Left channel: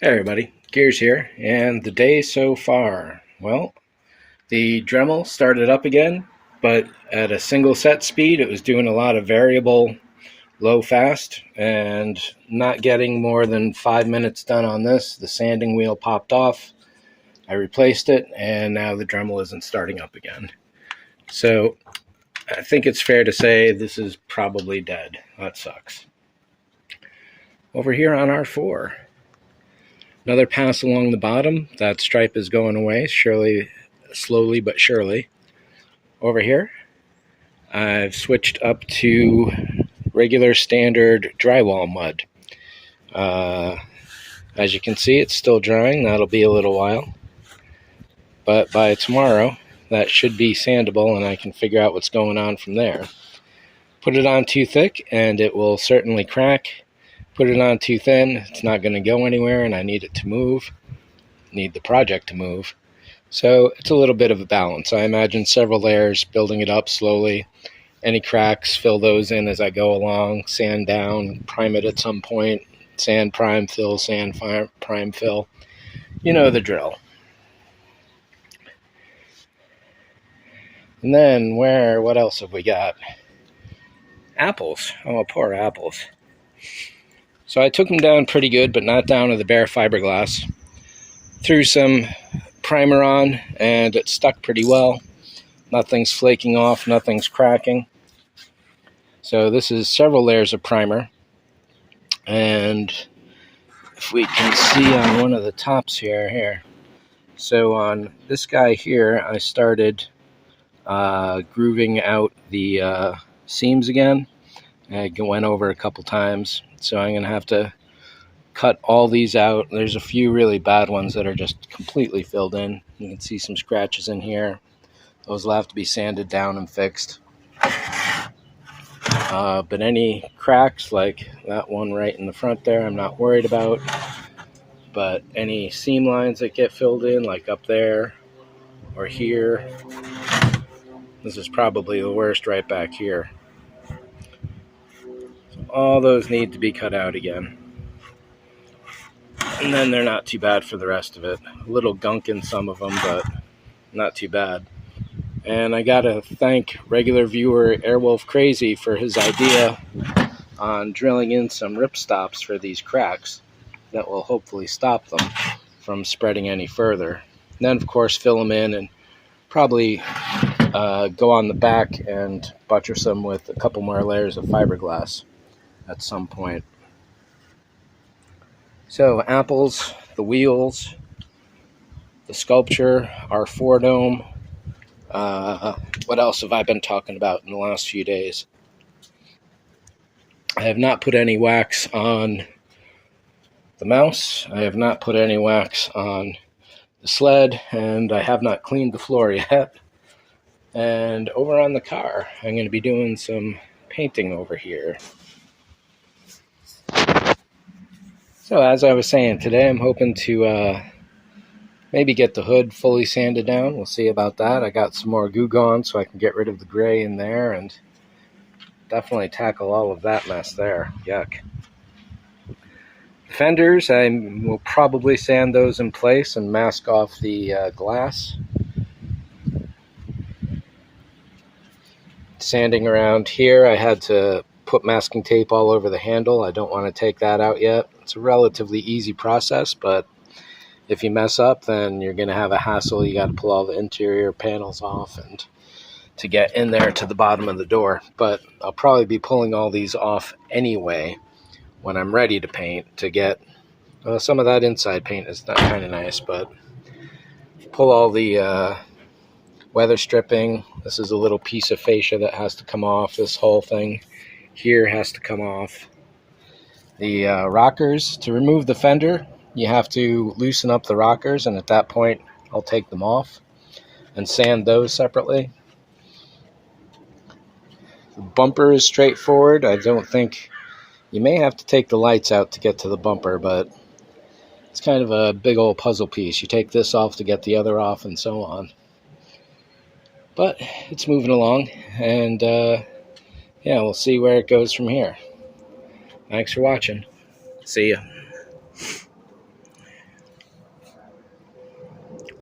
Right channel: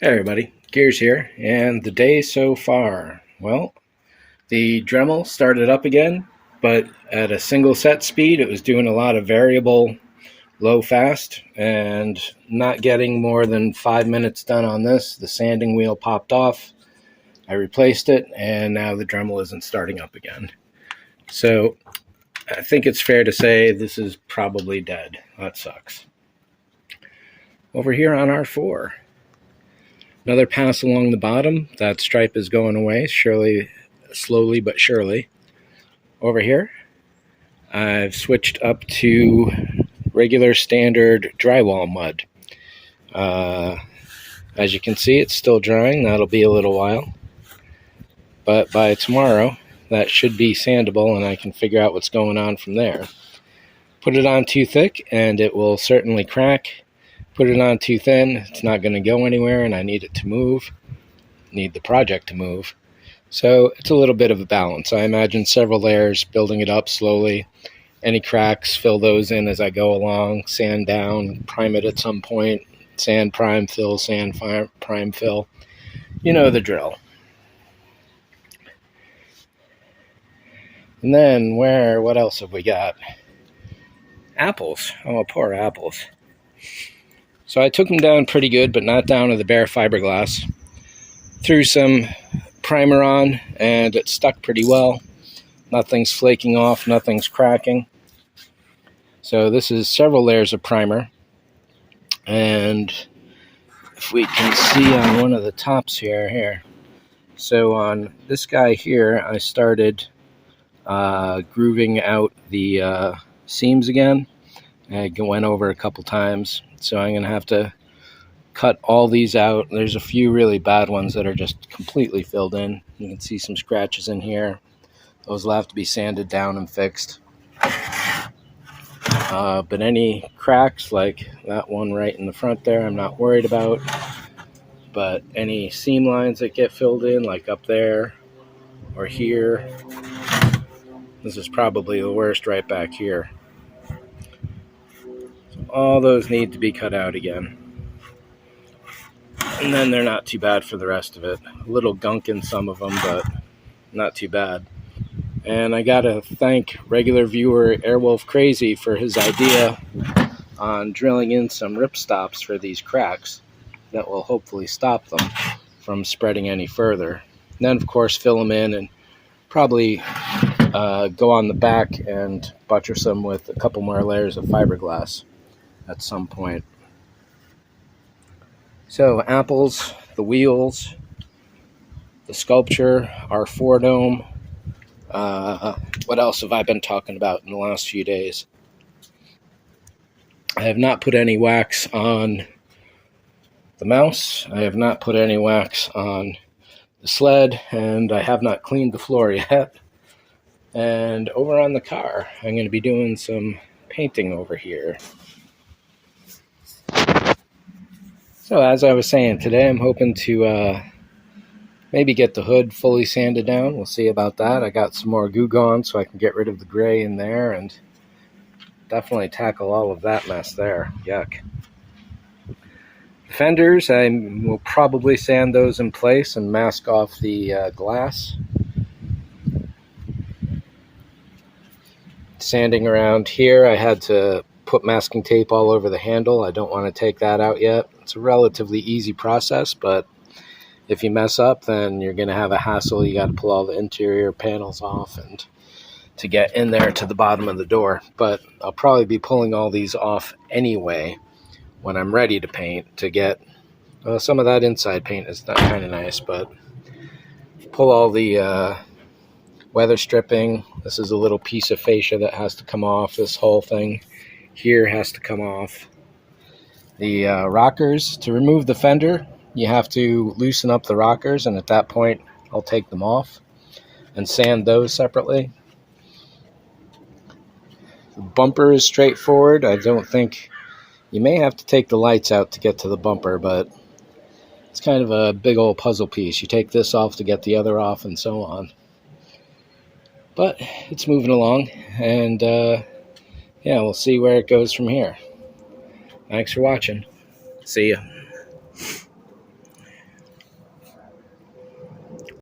Hey everybody, Gears here, and the day so far. Well, the Dremel started up again, but at a single set speed. It was doing a lot of variable low fast and not getting more than 5 minutes done on this. The sanding wheel popped off. I replaced it, and now the Dremel isn't starting up again. So I think it's fair to say this is probably dead. That sucks. Over here on R4. Another pass along the bottom. That stripe is going away, slowly but surely. Over here, I've switched up to regular standard drywall mud. As you can see, it's still drying. That'll be a little while. But by tomorrow, that should be sandable, and I can figure out what's going on from there. Put it on too thick, and it will certainly crack. Put it on too thin, it's not going to go anywhere, and I need it to move. Need the project to move. So it's a little bit of a balance. I imagine several layers, building it up slowly. Any cracks, fill those in as I go along. Sand down, prime it at some point. Sand, prime, fill, sand, prime, fill. You know the drill. And then what else have we got? Apples. Oh, poor apples. So I took them down pretty good, but not down to the bare fiberglass. Threw some primer on, and it stuck pretty well. Nothing's flaking off, nothing's cracking. So this is several layers of primer. And if we can see on one of the tops here. So on this guy here, I started grooving out the seams again. I went over a couple times. So I'm going to have to cut all these out. There's a few really bad ones that are just completely filled in. You can see some scratches in here. Those will have to be sanded down and fixed. But any cracks, like that one right in the front there, I'm not worried about. But any seam lines that get filled in, like up there or here, this is probably the worst right back here. All those need to be cut out again. And then they're not too bad for the rest of it. A little gunk in some of them, but not too bad. And I gotta thank regular viewer Airwolf Crazy for his idea on drilling in some ripstops for these cracks that will hopefully stop them from spreading any further. And then, of course, fill them in and probably go on the back and buttress them with a couple more layers of fiberglass at some point. So apples, the wheels, the sculpture, our R4 dome. What else have I been talking about in the last few days? I have not put any wax on the mouse. I have not put any wax on the sled, and I have not cleaned the floor yet. And over on the car, I'm going to be doing some painting over here. So as I was saying, today I'm hoping to maybe get the hood fully sanded down. We'll see about that. I got some more goo gone so I can get rid of the gray in there and definitely tackle all of that mess there. Yuck. The fenders, I will probably sand those in place and mask off the glass. Sanding around here, I had to put masking tape all over the handle. I don't want to take that out yet. It's a relatively easy process, but if you mess up, then you're going to have a hassle. You got to pull all the interior panels off and to get in there to the bottom of the door. But I'll probably be pulling all these off anyway when I'm ready to paint to get some of that inside paint is not kind of nice, but pull all the weather stripping. This is a little piece of fascia that has to come off. This whole thing here has to come off. The rockers, to remove the fender, you have to loosen up the rockers, and at that point I'll take them off and sand those separately. The bumper is straightforward. I don't think you may have to take the lights out to get to the bumper, but it's kind of a big old puzzle piece. You take this off to get the other off and so on. But it's moving along, and yeah, we'll see where it goes from here. Thanks for watching. See ya.